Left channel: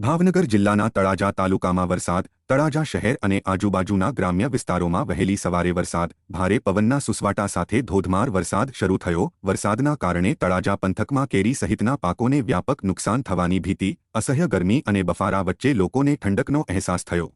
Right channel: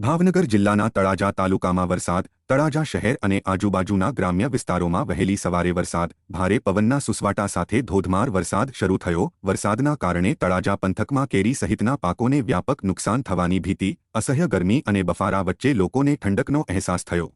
ભાવનગર જિલ્લાના તળાજા તાલુકામાં વરસાદ, તળાજા શહેર અને આજુબાજુના ગ્રામ્ય વિસ્તારોમાં વહેલી સવારે વરસાદ, ભારે પવનના સુસવાટા સાથે ધોધમાર વરસાદ શરૂ થયો. વરસાદના કારણે તળાજા પંથકમાં કેરી સહિતના પાકોને વ્યાપક નુકસાન થવાની ભીતિ, અસહ્ય ગરમી અને બફારા વચ્ચે લોકોને ઠંડકનો અહેસાસ થયો.